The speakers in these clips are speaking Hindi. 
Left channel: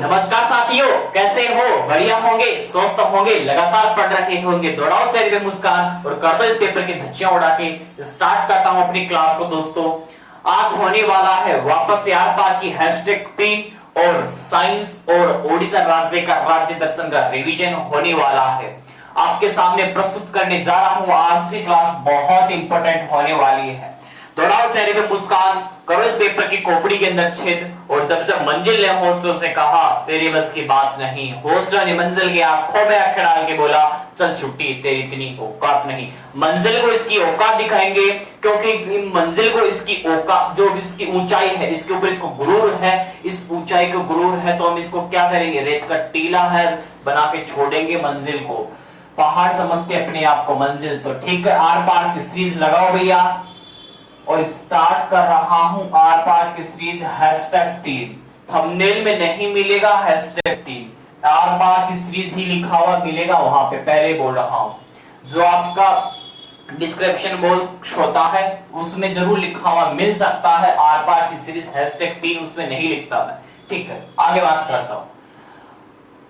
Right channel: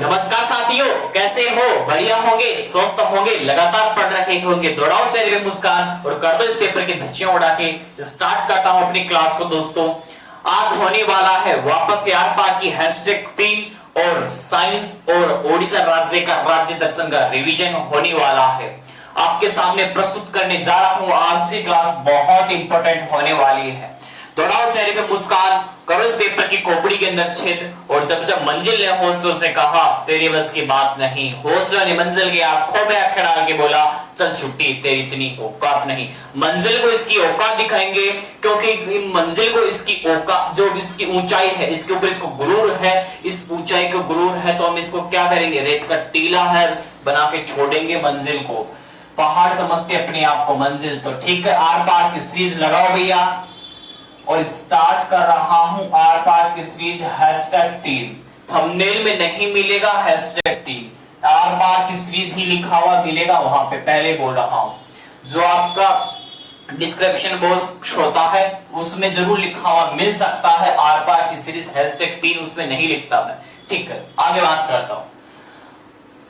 नमस्कार साथियों, कैसे हो? बढ़िया होंगे, स्वस्थ होंगे, लगातार पढ़ रहे होंगे। दौड़ाओ चेहरे पे मुस्कान और कर दो इस पेपर की धज्जियां उड़ा के। स्टार्ट करता हूं अपनी क्लास को दोस्तों। आज होने वाला है वापस से आर पार की #3 और साइंस और ओडिशा राज्य का राज्य दर्शन का रिवीजन होने वाला है। आपके सामने प्रस्तुत करने जा रहा हूं। आज की क्लास बहुत इंपॉर्टेंट होने वाली है। दौड़ाओ चेहरे पे मुस्कान, करो इस पेपर की खोपड़ी के अंदर छेद। और जब मंजिल ने हौसलों से कहा तेरी बस की बात नहीं, हौसला ने मंजिल की आंखों में आंखें डाल के बोला चल छुट्टी, तेरी इतनी औकात नहीं। मंजिल को इसकी औकात दिखाएंगे, क्योंकि मंजिल को इसकी औकात, जो इसकी ऊंचाई है, इसके ऊपर इसको गुरूर है, इस ऊंचाई को गुरूर है, तो हम इसको क्या करेंगे, रेत का टीला है बना के छोड़ेंगे मंजिल को। पहाड़ समझते अपने आप को मंजिल, तो ठीक है। आर पार की सीरीज लगाओ भैया, और स्टार्ट कर रहा हूं आर पार की सीरीज #3। थंबनेल में नहीं मिलेगा #3, आर पार की सीरीज ही लिखा हुआ मिलेगा वहां पे, पहले बोल रहा हूं। जो आपका डिस्क्रिप्शन बॉक्स होता है उसमें जरूर लिखा हुआ मिल सकता है आर पार की सीरीज #3, उसमें नहीं लिखता मैं। ठीक है, आगे बात करता हूं।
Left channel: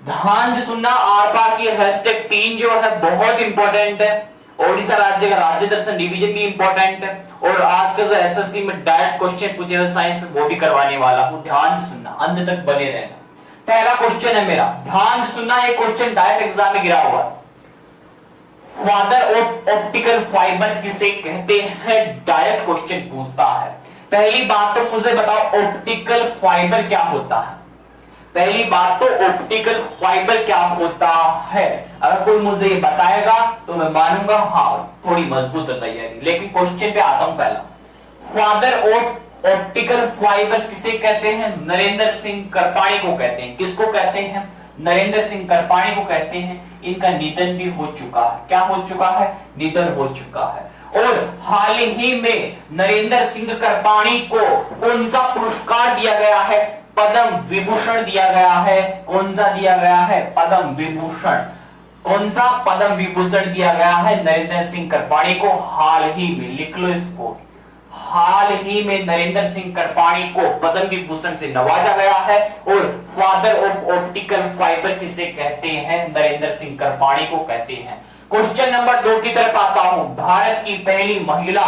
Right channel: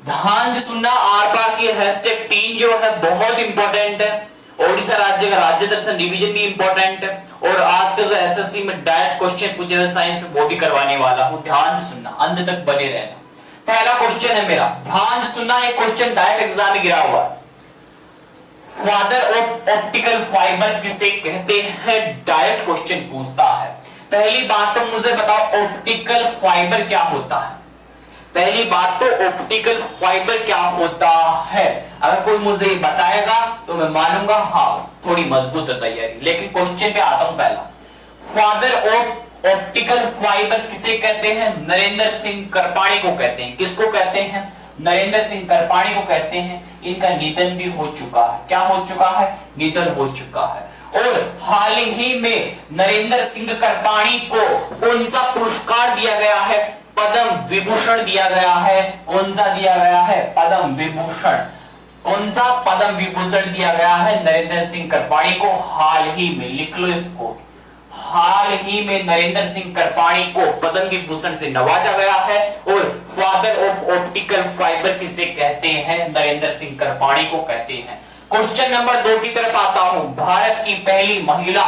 ध्यान से सुनना, आर पार की #3 जो है बहुत इंपॉर्टेंट है। ओडिशा राज्य का राज्य दर्शन रिवीजन भी इंपॉर्टेंट है, और आज का जो एसएससी में डायरेक्ट क्वेश्चन पूछे हुए साइंस में वो भी करवाने वाला हूं। ध्यान से सुनना, अंत तक बने रहना। पहला क्वेश्चन है मेरा, ध्यान से सुनना, ये क्वेश्चन डायरेक्ट एग्जाम में गिरा हुआ है। फादर ऑफ ऑप्टिकल फाइबर किसे कहते हैं? डायरेक्ट क्वेश्चन पूछता है। पहली बात तो मुझे बताओ, ऑप्टिकल फाइबर क्या होता है? पहली बात तो ऑप्टिकल फाइबर क्या होता है, अगर कोई मुझे बताएगा तो मैं मानूंगा हाँ थोड़ी मजबूत है तैयारी। लेकिन क्वेश्चन पे आता हूं। पहला, फादर ऑफ ऑप्टिकल फाइबर किसे कहते हैं? नरेंद्र सिंह करपाणी को कहते हैं। किसको कहते हैं? नरेंद्र सिंह करपाणी को कहते हैं। इनका निधन भी हो चुका है। क्या हो चुका है? निधन हो चुका है। और हाल ही में नरेंद्र सिंह करपाणी को कौन सा पुरस्कार दिया गया है? पद्म विभूषण दिया गया है। कौन सा दिया गया है? पद्म विभूषण। कौन सा? पद्म विभूषण दिया गया है नरेंद्र सिंह करपाणी को हाल ही में। लिख लो इसको, हाल ही में नरेंद्र सिंह करपाणी को पद्म विभूषण से नवाजा गया है। और फादर ऑफ ऑप्टिकल फाइबर किसे कहते हैं? नरेंद्र सिंह करपाणी को कहते हैं। क्वेश्चन नंबर 2 की तरफ आता हूं। भारत की पहली महिला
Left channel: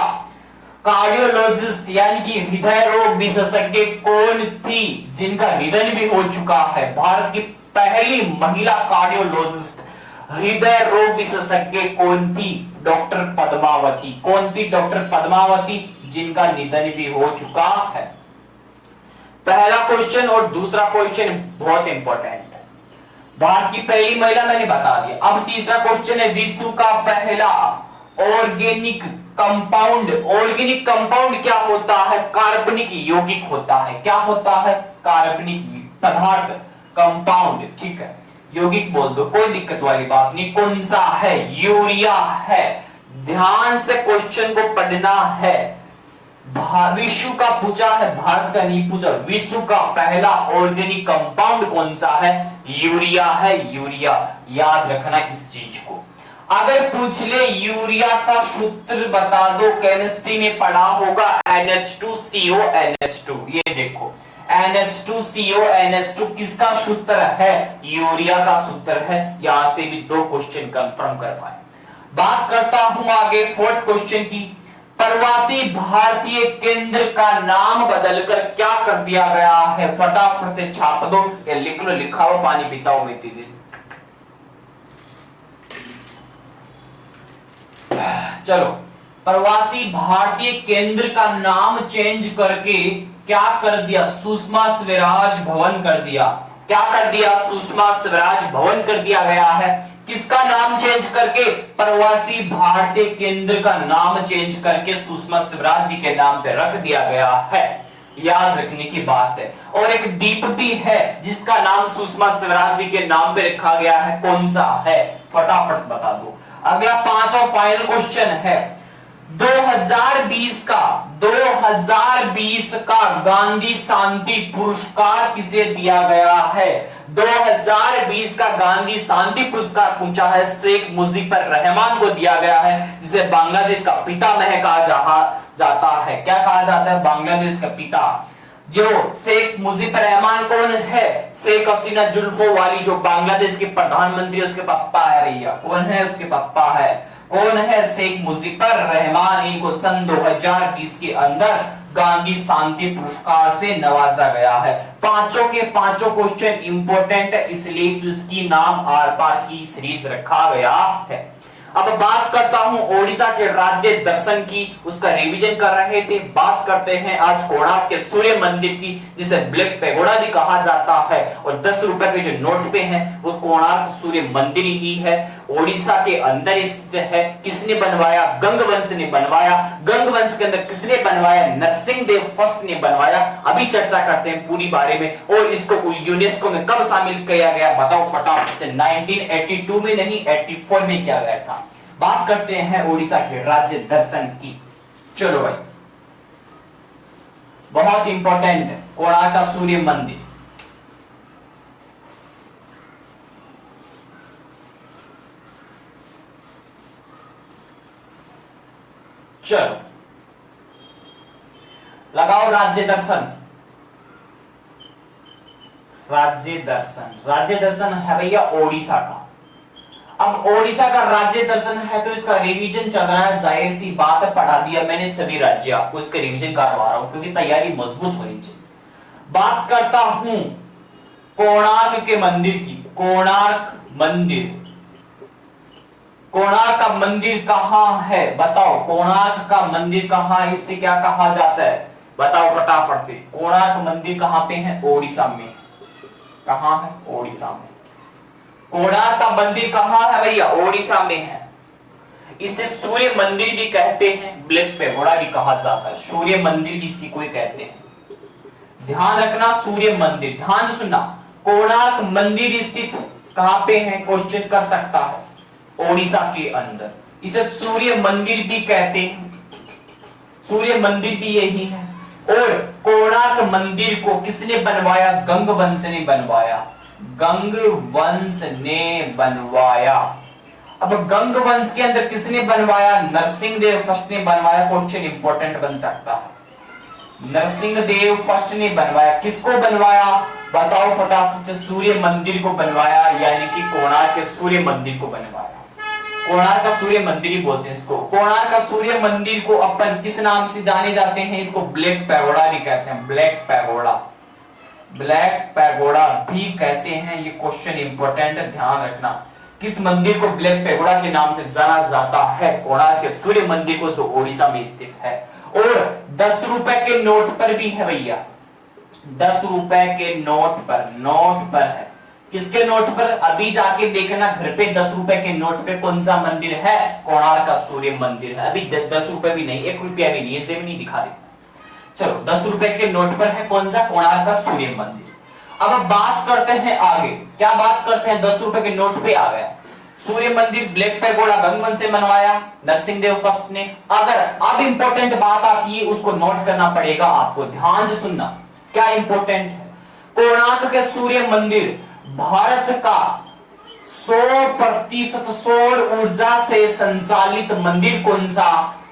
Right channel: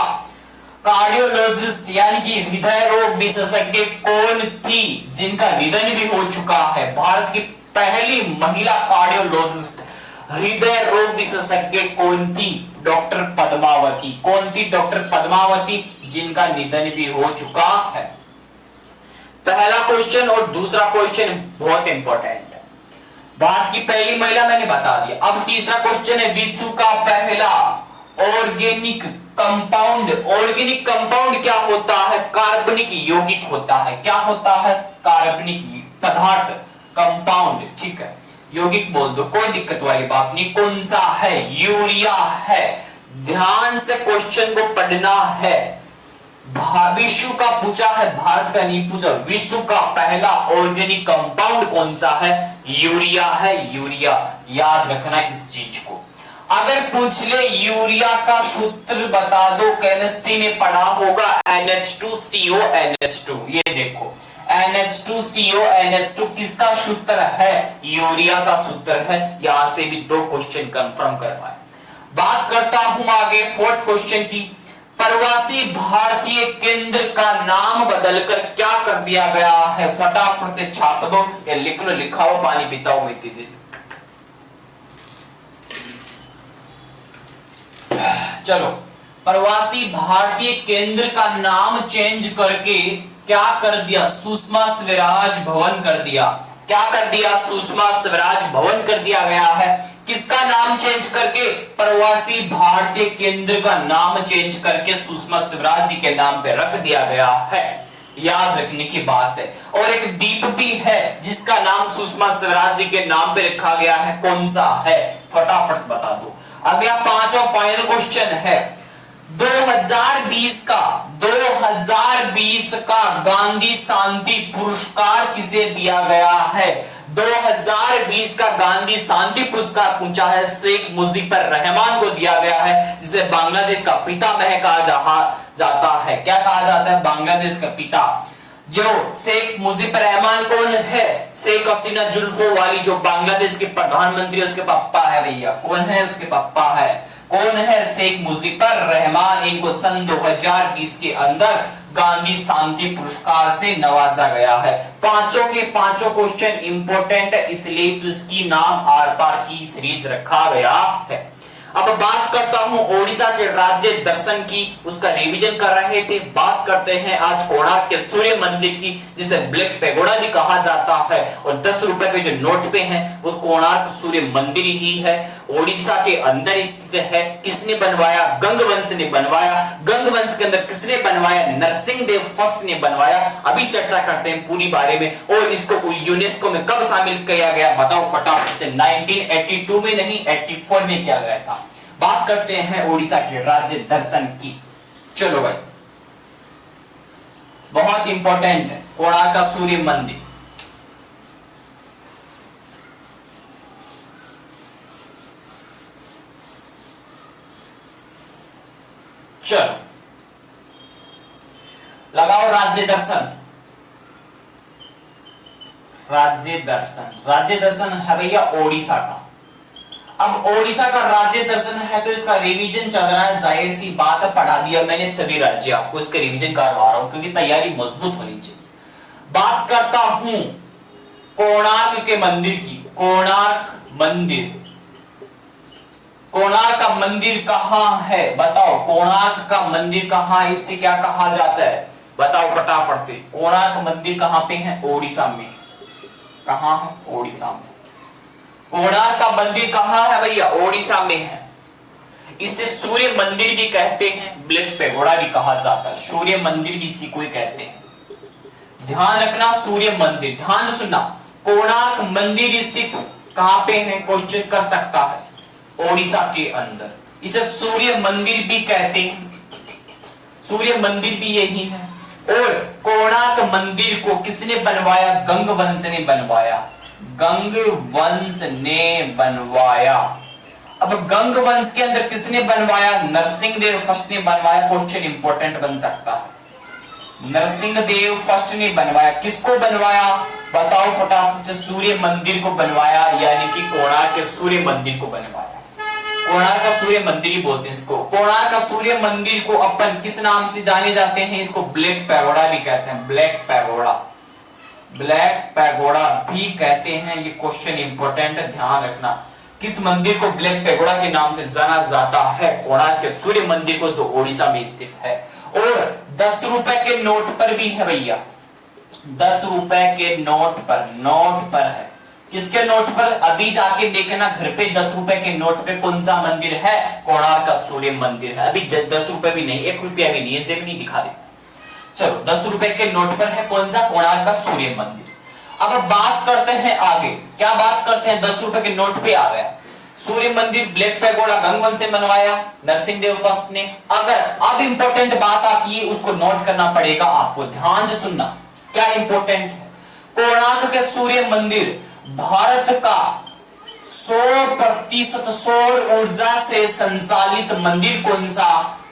कार्डियोलॉजिस्ट यानी कि हृदय रोग विशेषज्ञ कौन थी, जिनका निधन भी हो चुका है? भारत की पहली महिला कार्डियोलॉजिस्ट हृदय रोग विशेषज्ञ कौन थी? डॉक्टर पद्मावती। कौन थी? डॉक्टर पद्मावती, जिनका निधन भी हो चुका है। पहला क्वेश्चन और दूसरा क्वेश्चन बहुत इंपॉर्टेंट है। भारत की पहली महिला मैंने बता दिया। अब तीसरा क्वेश्चन है, विश्व का पहला ऑर्गेनिक कंपाउंड। ऑर्गेनिक कंपाउंड क्या होता है? कार्बनिक यौगिक होता है। क्या होता है? कार्बनिक पदार्थ, कंपाउंड। ठीक है, यौगिक बोल दो, कोई दिक्कत वाली बात नहीं। कौन सा है? यूरिया है। ध्यान से क्वेश्चन को पढ़ना है। विश्व का पूछा है, भारत का नहीं पूछा। विश्व का पहला ऑर्गेनिक कंपाउंड कौन सा है? यूरिया है। यूरिया, याद रखना इस चीज को। अगर पूछ ले यूरिया का सूत्र बता दो, केमिस्ट्री में पढ़ा होगा NH2CO NH2। ये देखो NH2CO NH2 किसका सूत्र है? यूरिया का सूत्र है। यहां से भी 2 क्वेश्चन कंफर्म कर पाए। बात करता हूं आगे 4th क्वेश्चन की। प्रवासी भारतीय केंद्र का नाम बदलकर क्या कर दिया गया है? फटाफट से छाप दो या लिख लो, लिखा हो पानी पीता हूं मैं तेजी से। चलो, प्रवासी भारतीय केंद्र का नाम चेंज करके क्या कर दिया? सुषमा स्वराज भवन कर दिया। क्या कर दिया? सुषमा स्वराज भवन कर दिया गया है। किसका नाम चेंज करके? प्रवासी भारतीय केंद्र का नाम चेंज करके सुषमा स्वराज जी के नाम पे रख दिया गया है। याद रखने की बात है। और एक द्वीप भी है जिसका नाम सुषमा स्वराज जी के नाम पे रखा गया है। कौन सा है? फटाफट बता दो। अगला 5वां फाइनल क्वेश्चन है, 2020 का गांधी शांति पुरस्कार किसे दिया गया है? 2020 का गांधी शांति पुरस्कार पूछा है, शेख मुजीबर रहमान को दिया गया है, जिसे बांग्लादेश का पितामह कहा जाता है। क्या कहा जाता है? बांग्लादेश का पिता। जो शेख मुजीबर रहमान कौन है? शेख हसीना जुल्फो वाली जो बांग्लादेश के प्रधानमंत्री, उसके पापा है भैया। कौन है? उसके पापा है। कौन है? शेख मुजीबर रहमान। इनको सन 2020 के अंदर गांधी शांति पुरस्कार से नवाजा गया है। पांचों के पांचों क्वेश्चन इंपॉर्टेंट है, इसलिए तो इसकी नाम आर पार की सीरीज रखा गया है। अब बात करता हूं ओडिशा के राज्य दर्शन की, उसका रिवीजन कर रहे थे। बात करते हैं आज कोणार्क के सूर्य मंदिर की, जिसे ब्लैक पैगोडा भी कहा जाता है। और 10 रुपए के जो नोट पे हैं वो कोणार्क सूर्य मंदिर ही है। ओडिशा के अंदर स्थित है। किसने बनवाया? गंगवंश ने बनवाया। गंगवंश के अंदर किसने बनवाया? नरसिंह देव फर्स्ट ने बनवाया। अभी चर्चा करते हैं पूरी बारे में। और इसको यूनेस्को में कब शामिल किया गया बताओ फटाफट से। 1982 में नहीं, 84 में किया गया था। बात करते हैं ओडिशा के राज्य दर्शन की। चलो भाई, बहुत इंपॉर्टेंट है कोणार्क का सूर्य मंदिर। चलो लगाओ राज्य दर्शन। राज्य दर्शन, राज्य दर्शन है भैया ओडिशा का। अब ओडिशा का राज्य दर्शन है तो इसका रिवीजन चल रहा है। जाहिर सी बात है, पढ़ा दिया मैंने सभी राज्य, आपको इसका रिवीजन करवा रहा हूं क्योंकि तैयारी मजबूत होनी चाहिए। बात करता हूं कोणार्क के मंदिर की। कोणार्क मंदिर, कोणार्क का मंदिर कहां है बताओ? कोणार्क का मंदिर कहां है? इससे क्या कहा जाता है बताओ फटाफट से। कोणार्क मंदिर कहां पे है? ओडिशा में। कहां है? ओडिशा में। कोणार्क का मंदिर कहां है भैया? ओडिशा में है। इसे सूर्य मंदिर भी कहते हैं, ब्लैक पैगोडा भी कहा जाता है। सूर्य मंदिर भी इसी को ही कहते हैं। ध्यान रखना, सूर्य मंदिर। ध्यान सुनना, कोणार्क मंदिर स्थित कहां पे है? क्वेश्चन कर सकता है। ओडिशा के अंदर। इसे सूर्य मंदिर भी कहते हैं। सूर्य मंदिर भी यही है। और कोणार्क मंदिर को किसने बनवाया? गंगवंश ने बनवाया। गंगवंश ने बनवाया। अब गंगवंश के अंदर किसने बनवाया? नरसिंह देव फर्स्ट ने बनवाया। क्वेश्चन इंपॉर्टेंट बन सकता है। नरसिंह देव फर्स्ट ने बनवाया। किसको बनवाया बताओ फटाफट से? सूर्य मंदिर को बनवाया, यानी कि कोणार्क के सूर्य मंदिर को बनवाया। कोणार्क का सूर्य मंदिर ही बोलते हैं इसको। कोणार्क का सूर्य मंदिर को अपन किस नाम से जाने जाते हैं? इसको ब्लैक पैगोडा भी कहते हैं। ब्लैक पैगोडा, ब्लैक पैगोडा भी कहते हैं। ये क्वेश्चन इंपॉर्टेंट है, ध्यान रखना। किस मंदिर को ब्लैक पैगोडा के नाम से जाना जाता है? कोणार्क के सूर्य मंदिर को, जो ओडिशा में स्थित है। और 10 रुपए के नोट पर भी है भैया। 10 रुपए के नोट पर है। किसके नोट पर? अभी जाके देखना घर पे 10 रुपए के नोट पे कौन सा मंदिर है? कोणार्क का सूर्य मंदिर है। अभी 10 रुपए भी नहीं, 1 रुपया भी नहीं, ऐसे भी नहीं दिखा देता। चलो 10 रुपए के नोट पर है कौन सा? कोणार्क का सूर्य मंदिर। अब बात करते हैं आगे। क्या बात करते हैं? 10 रुपए के नोट पे आ गया सूर्य मंदिर, ब्लैक पैगोडा गंगवंश से बनवाया, नरसिंह देव फर्स्ट ने। अगर अब इंपॉर्टेंट बात आती है, उसको नोट करना पड़ेगा आपको, ध्यान से सुनना। क्या इंपॉर्टेंट है? कोणार्क के सूर्य मंदिर भारत का 100% सौर ऊर्जा से संचालित मंदिर कौन सा?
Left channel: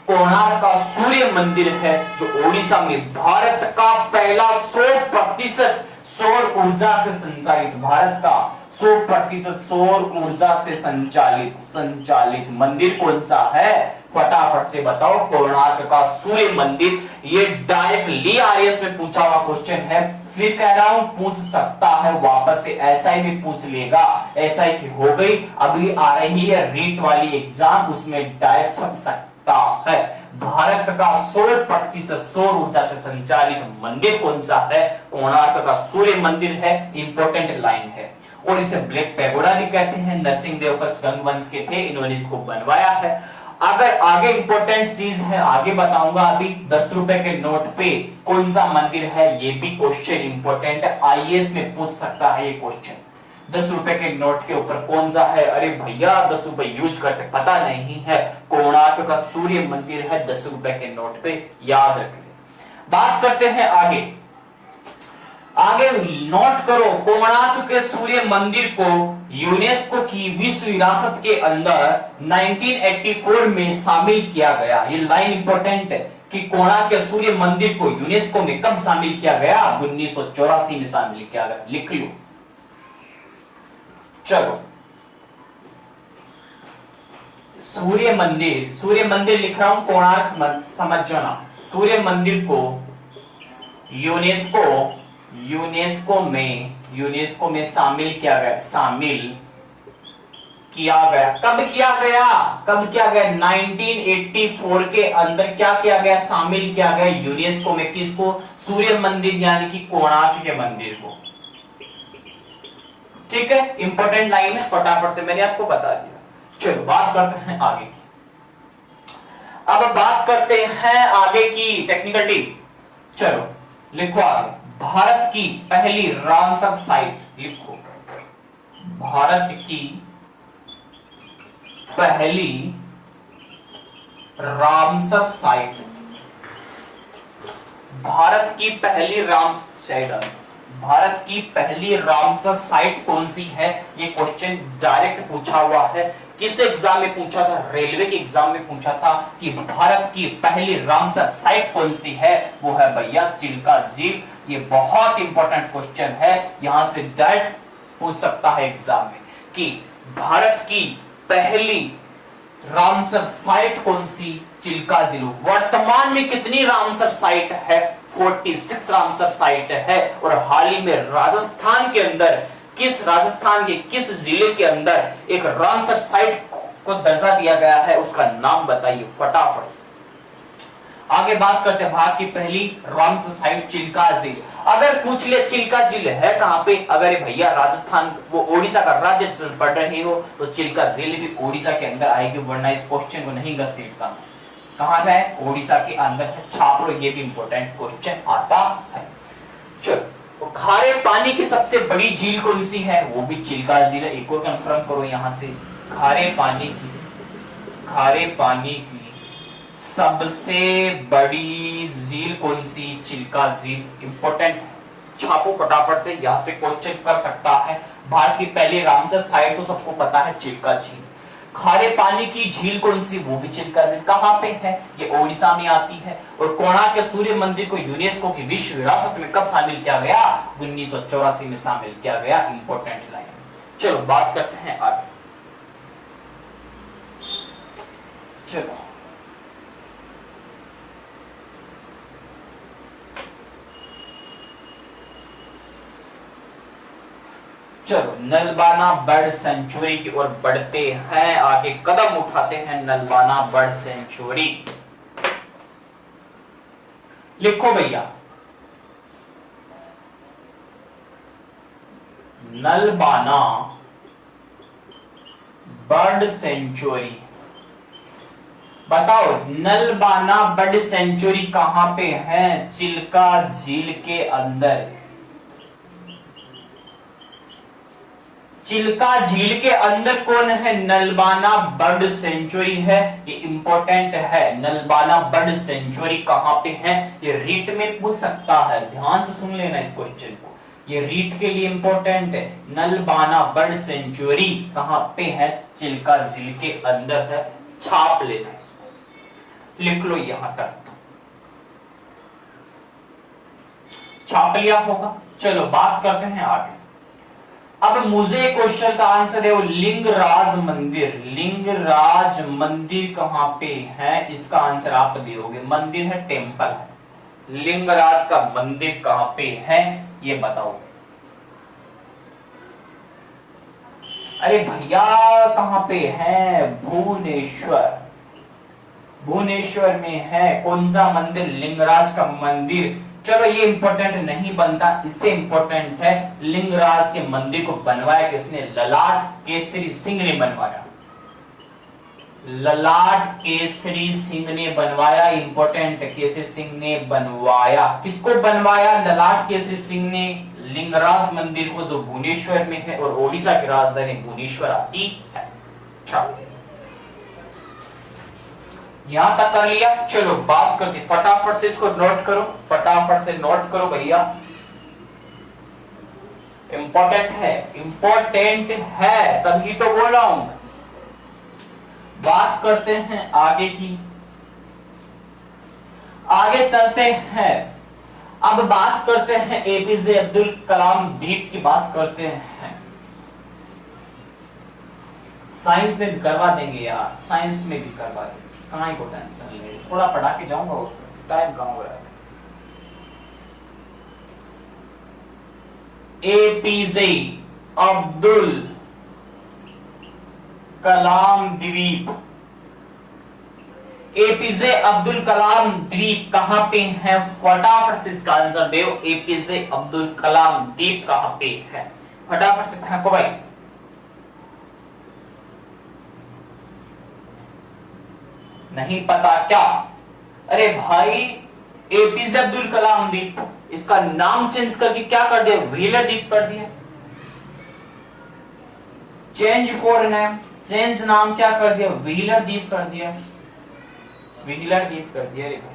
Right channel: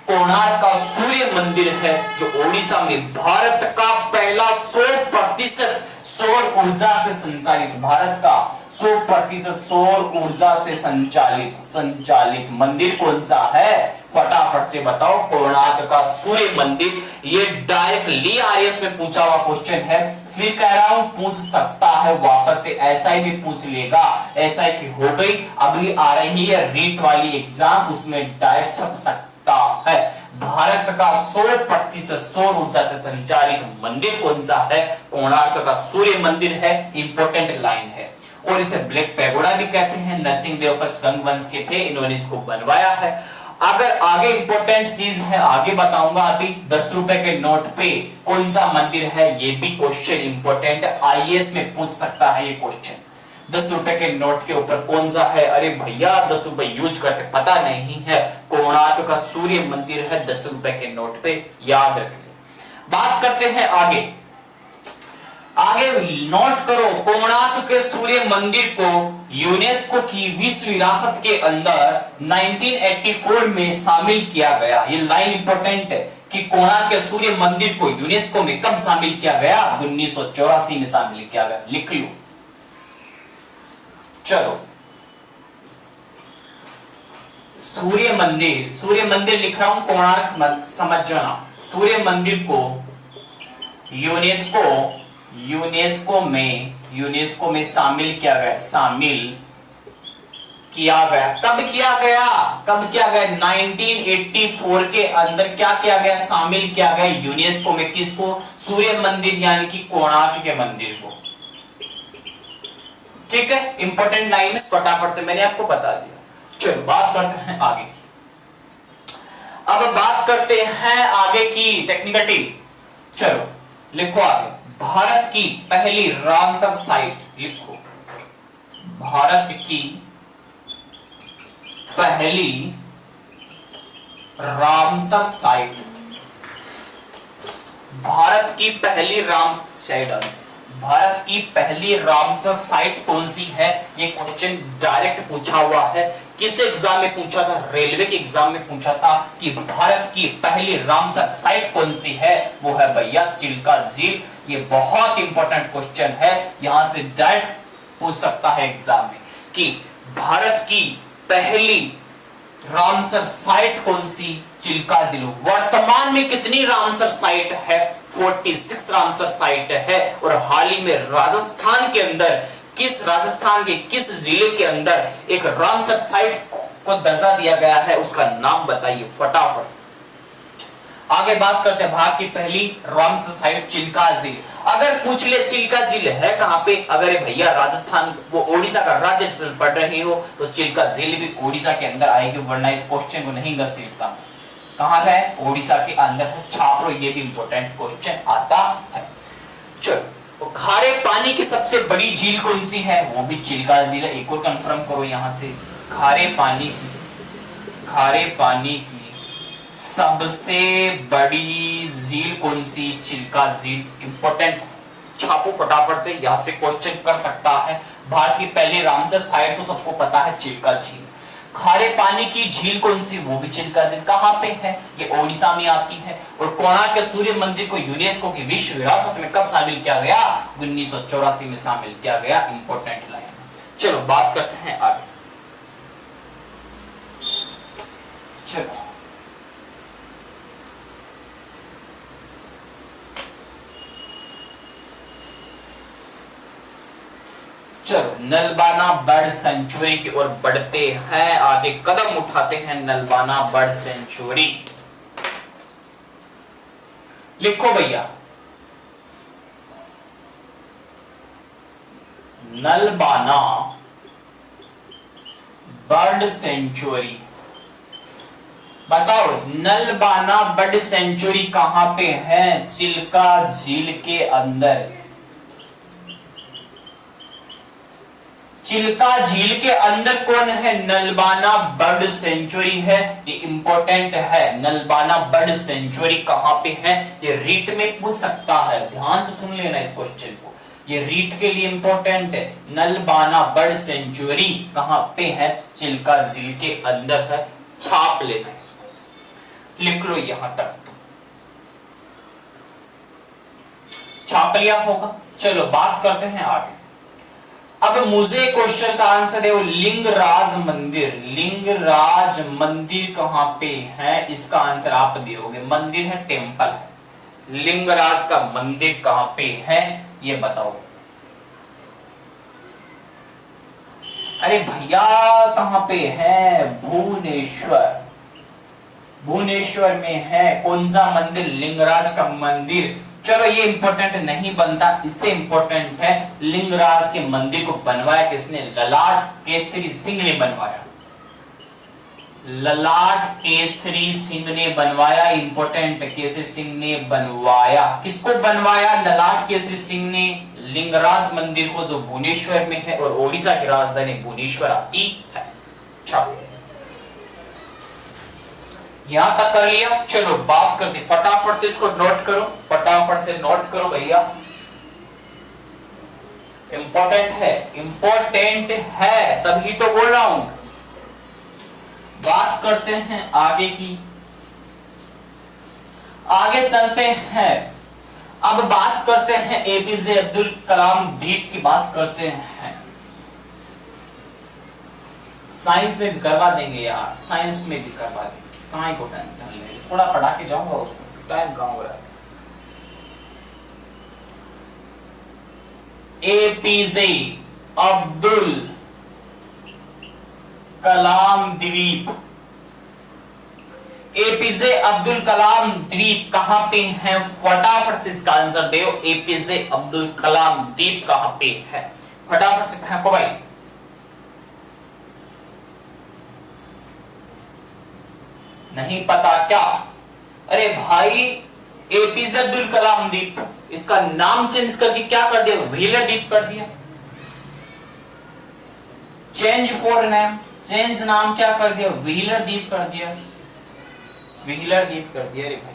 कोणार्क का सूर्य मंदिर है, जो ओडिशा में भारत का पहला 100% सौर ऊर्जा से संचालित, भारत का 100% सौर ऊर्जा से संचालित मंदिर कौन सा है? फटाफट से बताओ। कोणार्क का सूर्य मंदिर। ये डायरेक्टली आरएस में पूछा हुआ क्वेश्चन है। फिर कह रहा हूं पूछ सकता है वापस से, ऐसा ही भी पूछ लेगा। ऐसा ही की हो गई, अभी आ रही है रीट वाली एग्जाम, उसमें डायरेक्ट छप सकता है। भारत का 100% सौर ऊर्जा से संचालित मंदिर कौन सा है? कोणार्क का सूर्य मंदिर है। इंपॉर्टेंट लाइन है। और इसे ब्लैक पैगोडा भी कहते हैं। नरसिंह देव फर्स्ट गंगवंश के थे, इन्होंने इसको बनवाया है। अगर आगे इंपॉर्टेंट चीज है, आगे बताऊंगा। अभी 10 रुपए के नोट पे कौन सा मंदिर है, ये भी क्वेश्चन इंपॉर्टेंट है। आईएएस में पूछ सकता है ये क्वेश्चन। 10 रुपए के नोट के ऊपर कौन सा है? अरे भैया 10 रुपए यूज करते, पता नहीं है। कोणार्क का सूर्य मंदिर है 10 रुपए के नोट पे, याद रख ले। बात करते हैं आगे। आगे नोट करो, कोणार्क के सूर्य मंदिर को यूनेस्को की विश्व विरासत के अंदर 1984 में शामिल किया गया। ये लाइन इंपॉर्टेंट है। कि कोणार्क के सूर्य मंदिर को यूनेस्को में कब शामिल किया गया? 1984 में शामिल किया गया। लिख लो। चलो, सूर्य मंदिर लिख रहा हूं, कोणार्क मत समझ जाना। सूर्य मंदिर को यूनेस्को में शामिल किया गया। कब किया गया? 1984 के अंदर क्या किया गया? शामिल किया गया यूनेस्को में। किसको? सूर्य मंदिर यानी कि कोणार्क के मंदिर को। ठीक है, इंपॉर्टेंट लाइन है, फटाफट से मैंने आपको बता दिया। चलो बात करते हैं आगे की। अब बात करते हैं आगे की टेक्निकल टिप। चलो लिखो आगे। भारत की पहली रामसर साइट लिखो। भारत की पहली रामसर साइट। भारत की पहली रामसर साइट कौन सी है? ये क्वेश्चन डायरेक्ट पूछा हुआ है। किस एग्जाम में पूछा था? रेलवे के एग्जाम में पूछा था कि भारत की पहली रामसर साइट कौन सी है? वो है भैया चिल्का झील। ये बहुत इंपॉर्टेंट क्वेश्चन है, यहां से डायरेक्ट पूछ सकता है एग्जाम में कि भारत की पहली रामसर साइट कौन सी? चिल्का झील। वर्तमान में कितनी रामसर साइट है? 46 रामसर साइट है। और हाल ही में राजस्थान के किस जिले के अंदर एक रामसर साइट को दर्जा दिया गया है? उसका नाम बताइए फटाफट से। आगे बात करते हैं भारत की पहली रामसर साइट चिल्का झील। अगर पूछ ले चिल्का झील है कहां पे? अगर भैया राजस्थान वो ओडिशा का राज्य से पढ़ रहे हो तो चिल्का झील भी ओडिशा के अंदर आएगी, वरना इस क्वेश्चन को नहीं घसीटता। कहां का है? ओडिशा के अंदर है। छाप लो, ये भी इंपॉर्टेंट क्वेश्चन आता है। चलो, तो खारे पानी की सबसे बड़ी झील कौन सी है? वो भी चिल्का झील है। एक और कंफर्म करो यहां से। खारे पानी की सबसे बड़ी झील कौन सी? चिल्का झील। इंपॉर्टेंट, छापो फटाफट से, यहां से क्वेश्चन कर सकता है। भारत की पहली रामसर साइट तो सबको पता है, चिल्का झील। खारे पानी की झील कौन सी? वो भी चिल्का झील। कहां पे है? ये ओडिशा में आती है। और कोणार्क के सूर्य मंदिर को यूनेस्को की विश्व विरासत में कब शामिल किया गया? 1984 में शामिल किया गया। Important line. चलो बात करते हैं आगे। चलो नलबाना बर्ड सेंचुरी की ओर बढ़ते हैं, आगे कदम उठाते हैं। नलबाना बर्ड सेंचुरी लिखो भैया। नलबाना बर्ड सेंचुरी, बताओ नलबाना बर्ड सेंचुरी कहां पे है? चिल्का झील के अंदर। चिल्का झील के अंदर कौन है? नलबाना बर्ड सेंचुरी है। ये इंपॉर्टेंट है। नलबाना बर्ड सेंचुरी कहां पे है? ये रीट में पूछ सकता है, ध्यान से सुन लेना इस क्वेश्चन को, ये रीट के लिए इंपॉर्टेंट है। नलबाना बर्ड सेंचुरी कहां पे है? चिल्का झील के अंदर है। छाप लेना इसको, लिख लो यहां तक। छाप लिया होगा। चलो बात करते हैं आगे। अब मुझे क्वेश्चन का आंसर है वो लिंगराज मंदिर कहां पे है? इसका आंसर आप दोगे। मंदिर है, टेंपल है। लिंगराज का मंदिर कहां पे है ये बताओ। अरे भैया कहां पे है? भुवनेश्वर में है। कौन सा मंदिर? लिंगराज का मंदिर। चलो ये इंपॉर्टेंट नहीं बनता, इससे इंपॉर्टेंट है लिंगराज के मंदिर को बनवाया किसने? ललाट केसरी सिंह ने बनवाया। ललाट केसरी सिंह ने बनवाया। इंपॉर्टेंट, केसरी सिंह ने बनवाया। किसको बनवाया? ललाट केसरी सिंह ने लिंगराज मंदिर को, जो भुवनेश्वर में है और ओडिशा की राजधानी भुवनेश्वर आती है। यहां तक कर लिया। चलो बात करते, फटाफट से इसको नोट करो, फटाफट से नोट करो भैया, इंपॉर्टेंट है तभी तो बोल रहा हूं। बात करते हैं आगे की। आगे चलते हैं, अब बात करते हैं एपीजे अब्दुल कलाम द्वीप की बात करते हैं। साइंस में भी करवा देंगे यार, साइंस में भी करवा देंगे, कहाँ को टेंशन ले, थोड़ा पढ़ा के जाऊंगा उसमें, टाइम कहाँ हो रहा है। एपीजे अब्दुल कलाम द्वीप, एपीजे अब्दुल कलाम द्वीप कहां पे है? फटाफट से इसका आंसर दो, एपीजे अब्दुल कलाम द्वीप कहां पे है? फटाफट से फेंको भाई। नहीं पता क्या? अरे भाई एपीजे अब्दुल कलाम द्वीप, इसका नाम चेंज करके क्या कर दिया? व्हीलर द्वीप कर दिया। चेंज फॉर नेम, चेंज नाम क्या कर दिया? व्हीलर द्वीप कर दिया, व्हीलर द्वीप कर दिया। रे भाई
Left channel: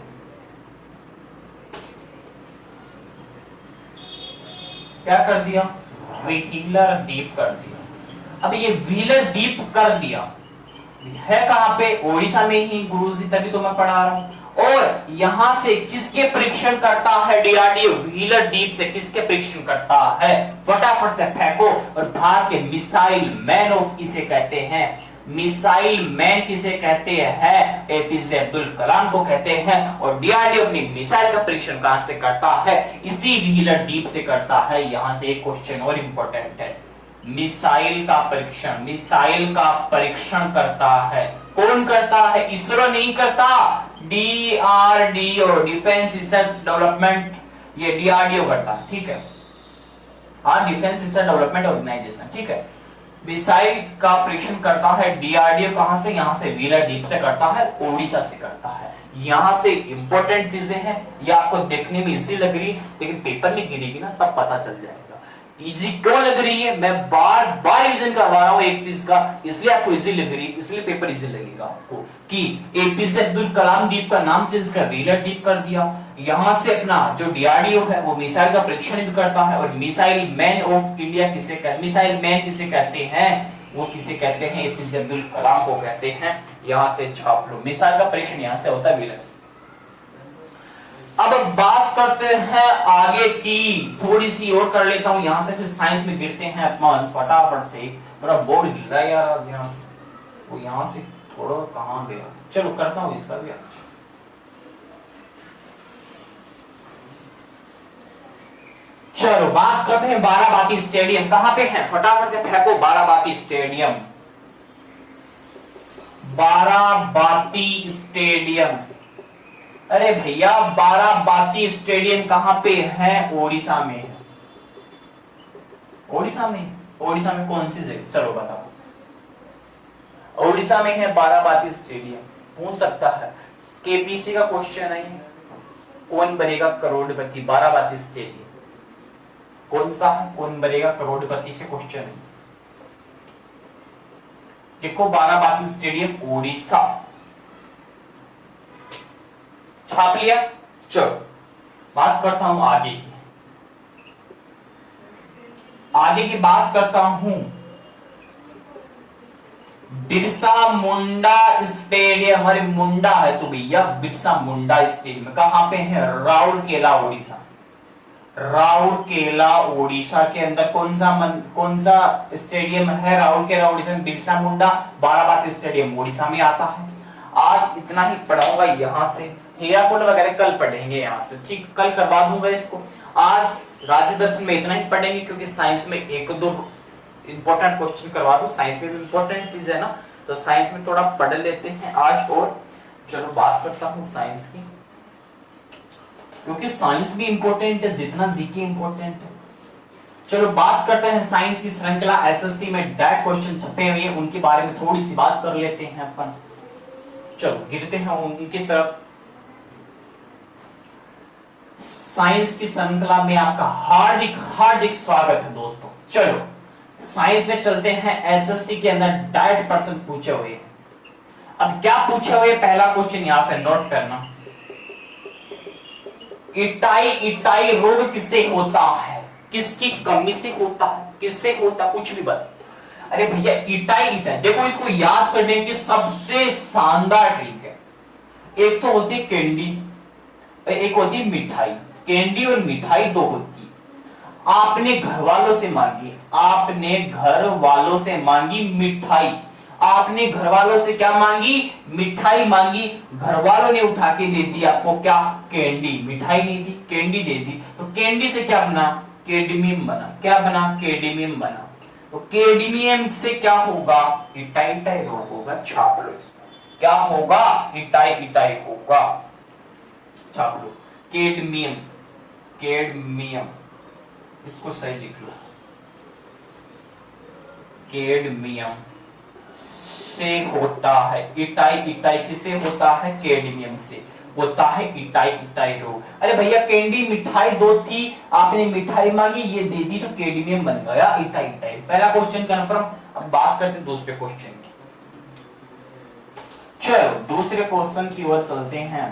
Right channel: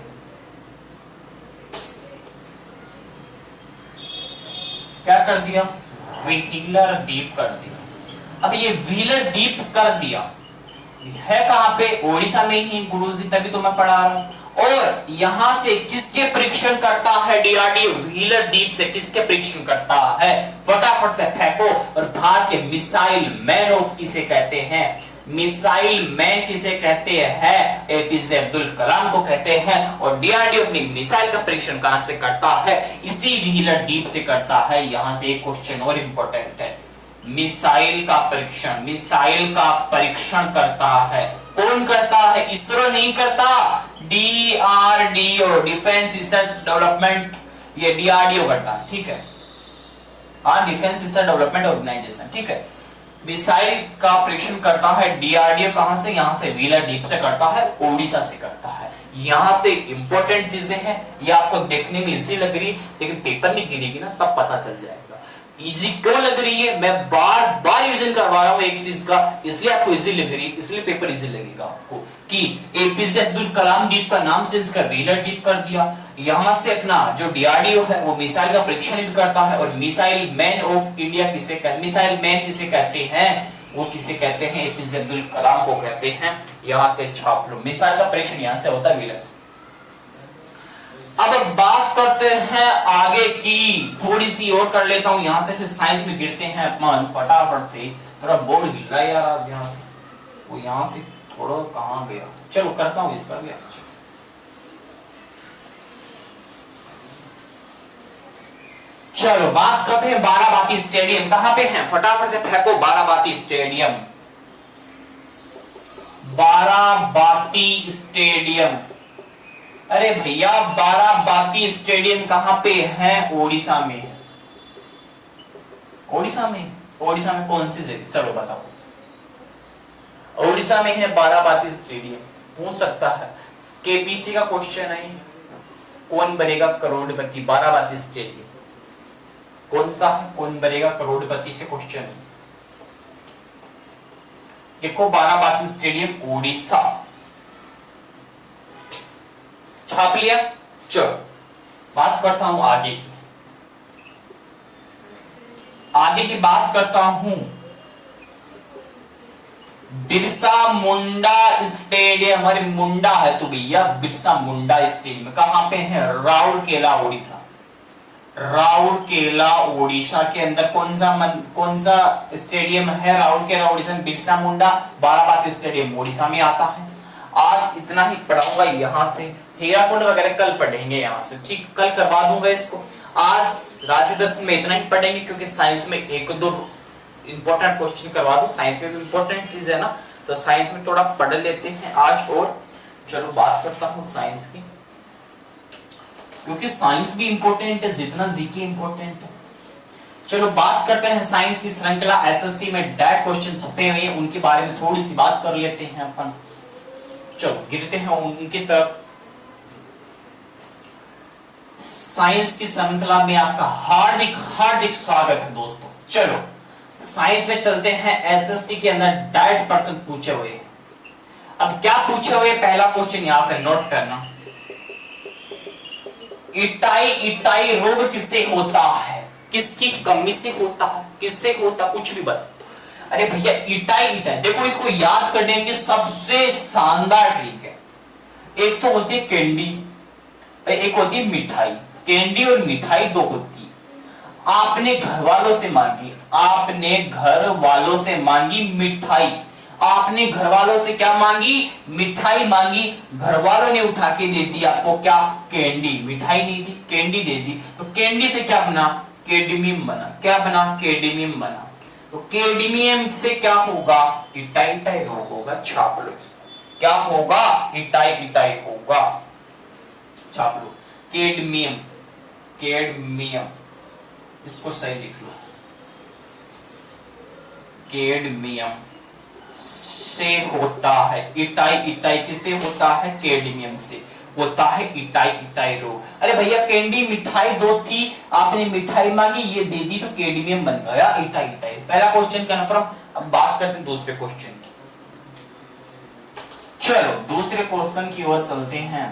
क्या कर दिया? व्हीलर द्वीप कर दिया। अब ये व्हीलर द्वीप कर दिया है कहां पे? ओडिशा में ही गुरुजी, तभी तो मैं पढ़ा रहा हूं। और यहां से किसके परीक्षण करता है डीआरडीओ? व्हीलर द्वीप से किसके परीक्षण करता है? फटाफट से फेंको। और भारत के मिसाइल मैन ऑफ किसे कहते हैं? मिसाइल मैन किसे कहते हैं? एपीजे अब्दुल कलाम को कहते हैं। और डीआरडीओ अपनी मिसाइल का परीक्षण कहां से करता है? इसी व्हीलर द्वीप से करता है। यहां से एक क्वेश्चन और इंपॉर्टेंट है, मिसाइल का परीक्षण, मिसाइल का परीक्षण करता है कौन करता है? इसरो नहीं करता, डीआरडीओ, डिफेंस रिसर्च डेवलपमेंट, ये डीआरडीओ करता है, ठीक है। हाँ, डिफेंस रिसर्च डेवलपमेंट ऑर्गेनाइजेशन, ठीक है। मिसाइल का परीक्षण करता है डीआरडीओ, कहां से? यहां से व्हीलर द्वीप से करता है, ओडिशा से करता है। यहां से इंपॉर्टेंट चीजें हैं, ये आपको देखने में इजी लग रही है, लेकिन पेपर में गिरेगी ना तब पता चल जाएगा इजी क्यों लग रही है। मैं बार बार रिवीजन करवा रहा हूं एक चीज का, इसलिए आपको इजी लग रही है, इसलिए पेपर इजी लगेगा आपको कि एपीजे अब्दुल कलाम द्वीप का नाम चेंज कर व्हीलर द्वीप कर दिया। यहां से अपना जो डीआरडीओ है वो मिसाइल का परीक्षण करता है। और मिसाइल मैन ऑफ इंडिया किसे कहते? मिसाइल मैन किसे कहते हैं? वो किसे कहते हैं? एपीजे अब्दुल कलाम को कहते हैं। यहां पे छाप लो, मिसाइल का परीक्षण यहां से होता है व्हीलर से। अब बात करते हैं आगे की, थोड़ी सी और कर लेता हूं, यहां से साइंस में गिरते हैं अपन फटाफट से। थोड़ा बोर्ड हिल रहा है यार आज, यहां से वो यहां से थोड़ा कहां गया, चलो करता हूं इसका भी आज। चलो बात करते हैं बाराबाती स्टेडियम कहां पे है? फटाफट से फेंको बाराबाती स्टेडियम, बाराबाती स्टेडियम। अरे भैया बाराबाती स्टेडियम कहां पे है? ओडिशा में है। ओडिशा में? ओडिशा में कौन सी जगह? चलो बताओ। ओडिशा में है बाराबाती स्टेडियम। पूछ सकता है, केपीसी का क्वेश्चन है, कौन बनेगा करोड़पति? बाराबाती स्टेडियम कौन सा है? कौन बनेगा करोड़पति से क्वेश्चन है। देखो बाराबाती स्टेडियम ओडिशा, छाप लिया। चलो बात करता हूं आगे की, आगे की बात करता हूं बिरसा मुंडा स्टेडियम। अरे मुंडा है तो भैया बिरसा मुंडा स्टेडियम कहां पे है? राउरकेला ओडिशा। राउरकेला ओडिशा के अंदर कौन सा स्टेडियम है? राउरकेला ओडिशा में बिरसा मुंडा बाराबाती स्टेडियम ओडिशा में आता है। आज इतना ही पढ़ाऊंगा यहां से, हीराकुंड वगैरह कल पढ़ेंगे यहां से, ठीक, कल करवा दूंगा इसको। आज राज्य दर्शन में इतना ही पढ़ेंगे, क्योंकि साइंस में एक दो इंपॉर्टेंट क्वेश्चन करवा दूं, साइंस में भी इंपॉर्टेंट चीज है ना, तो साइंस में थोड़ा पढ़ लेते हैं आज। और चलो बात करता हूं साइंस की, क्योंकि साइंस भी इंपॉर्टेंट है जितना जीके इंपॉर्टेंट है। चलो बात करते हैं साइंस की श्रृंखला एसएससी में डायरेक्ट क्वेश्चन छपे हुए हैं, उनके बारे में थोड़ी सी बात कर लेते हैं अपन। चलो गिरते हैं उनकी तरफ। साइंस की श्रृंखला में आपका हार्दिक हार्दिक स्वागत है दोस्तों। चलो साइंस में चलते हैं, एसएससी के अंदर डायरेक्ट प्रश्न पूछे हुए हैं। अब क्या पूछे हुए? पहला क्वेश्चन यहां से नोट करना, इटाई रोग किससे होता है? किसकी कमी से होता है? किससे होता? कुछ भी बता। अरे भैया इटाई, देखो इसको याद करने की सबसे शानदार ट्रिक है, एक तो होती है कैंडी, एक होती है मिठाई, कैंडी और मिठाई दो होती है। आपने घर वालों से मांगी, आपने घर वालों से मांगी मिठाई, आपने घर वालों से क्या मांगी, मिठाई मांगी, घर वालों ने उठा के दे दी आपको क्या, कैंडी, मिठाई नहीं दी, कैंडी दे दी, तो कैंडी से क्या बना, कैडमियम बना, क्या बना, कैडमियम बना। तो कैडमियम से क्या होगा, इटाई इटाई रोग होगा, छाप लो, क्या होगा, इटाई इटाई होगा, छाप लो, कैडमियम, कैडमियम, इसको सही लिख लो, कैडमियम से होता है इटाई इटाई, किसे होता है, कैडमियम से होता है इटाई इटाई रोग। अरे भैया कैंडी मिठाई दो थी, आपने मिठाई मांगी, ये दे दी, तो कैडमियम बन गया इटाई इटाई। पहला क्वेश्चन कन्फर्म। अब बात करते हैं दूसरे क्वेश्चन की। चलो दूसरे क्वेश्चन की ओर चलते हैं।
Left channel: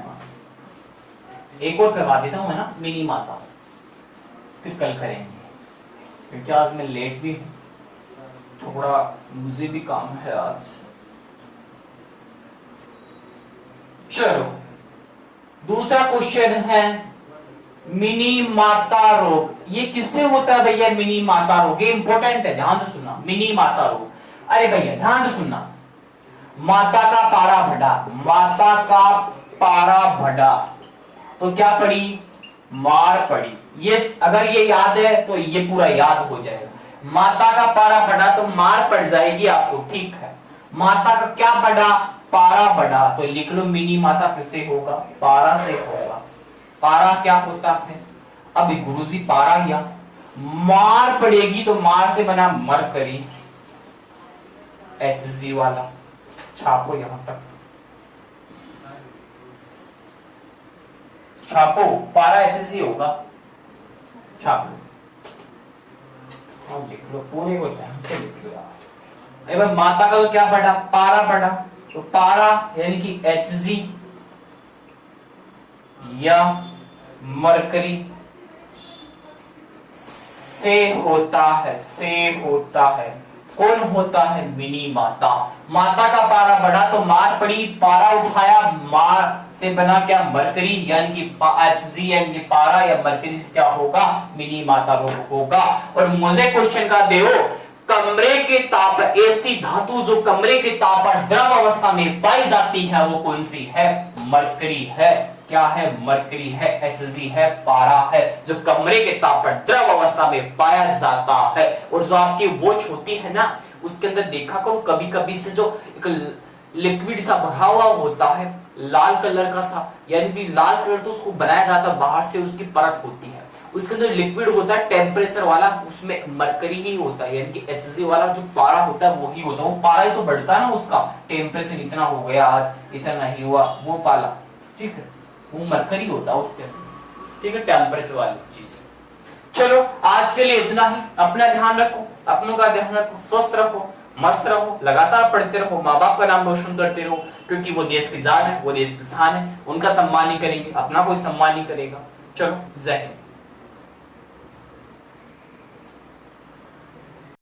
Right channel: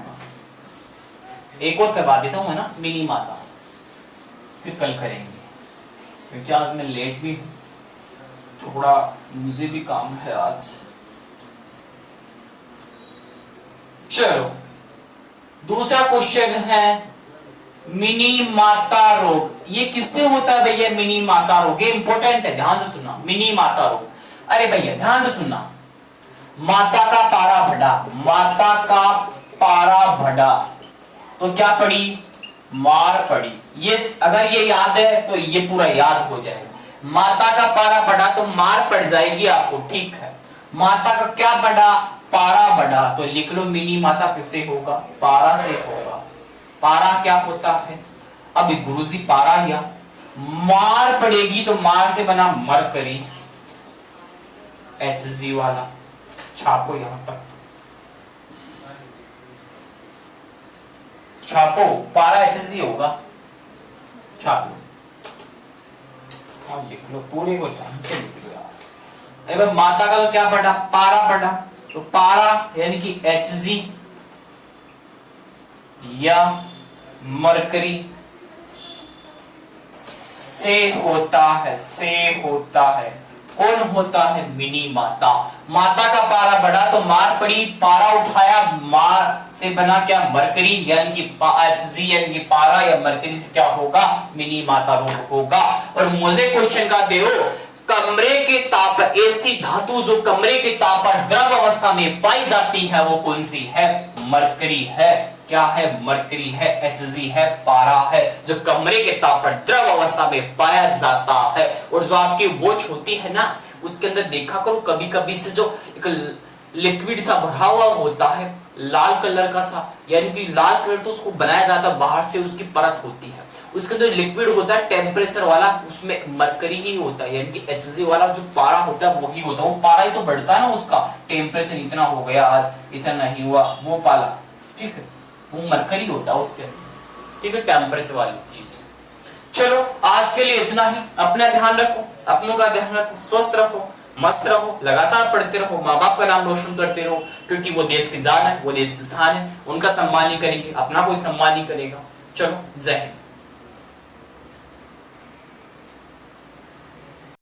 एक और करवा देता हूं है ना, मिनी माता, फिर कल करेंगे क्योंकि आज मैं लेट भी हूं, थोड़ा मुझे भी काम है आज। चलो दूसरा क्वेश्चन है मिनी माता रोग। ये किससे होता है भैया, मिनी माता रोग, ये इंपॉर्टेंट है, ध्यान से सुनना, मिनी माता रोग। अरे भैया ध्यान से सुनना, माता का पारा बढ़ा, माता का पारा बढ़ा तो क्या पड़ी, मार पड़ी। ये अगर ये याद है तो ये पूरा याद हो जाएगा। माता का पारा बढ़ा तो मार पड़ जाएगी आपको, ठीक है। माता का क्या बढ़ा, पारा बढ़ा, तो लिख लो मिनी माता किससे होगा, पारा से होगा। पारा क्या होता है, अब गुरुजी पारा या मार पड़ेगी तो मार से बना मरकरी, HG वाला, छापो यहां तक, छापो, पारा HG होगा, छाप लो, लिख लो पूरे को ध्यान से लिख लो यार। अरे माता का तो क्या बढ़ा, पारा बढ़ा, तो पारा यानी कि HG या मरकरी से होता है, से होता है, कौन होता है, मिनी माता। माता का पारा बढ़ा तो मार पड़ी, पारा उठाया, मार से बना क्या, मरकरी, यानी कि HG यानी कि पारा या मरकरी से क्या होगा, मिनी माता रोग होगा। और मुझे क्वेश्चन का दे, कमरे के ताप, ऐसी धातु जो कमरे के ताप पर द्रव अवस्था में पाई जाती है वो कौन सी है, मरकरी है, क्या है, मरकरी है, HG है, पारा है, जो कमरे के ताप पर द्रव अवस्था में पाया जाता है। और जो आपकी वॉच होती है ना, उसके अंदर देखा करो कभी कभी से जो एक लिक्विड सा भरा हुआ होता है, लाल कलर का सा, यानी कि लाल कलर तो उसको बनाया जाता है, बाहर से उसकी परत होती है, उसके अंदर लिक्विड होता है टेम्परेचर वाला, उसमें मरकरी ही होता है, यानी कि HG वाला जो पारा होता है वो ही होता है। वो पारा ही तो बढ़ता है ना, उसका टेम्परेचर इतना हो गया, आज इतना नहीं हुआ, वो पाला, ठीक है, वो मरकरी होता है उसके अंदर, ठीक है, टेम्परेचर वाली चीज। चलो आज के लिए इतना ही, अपना ध्यान रखो, अपनों का ध्यान रखो, स्वस्थ रखो, मस्त रहो, लगातार पढ़ते रहो, माँ बाप का नाम रोशन करते रहो, क्योंकि वो देश की जान है, वो देश की शान है, उनका सम्मान ही करेंगे, अपना कोई सम्मान नहीं करेगा। चलो जय हिंद।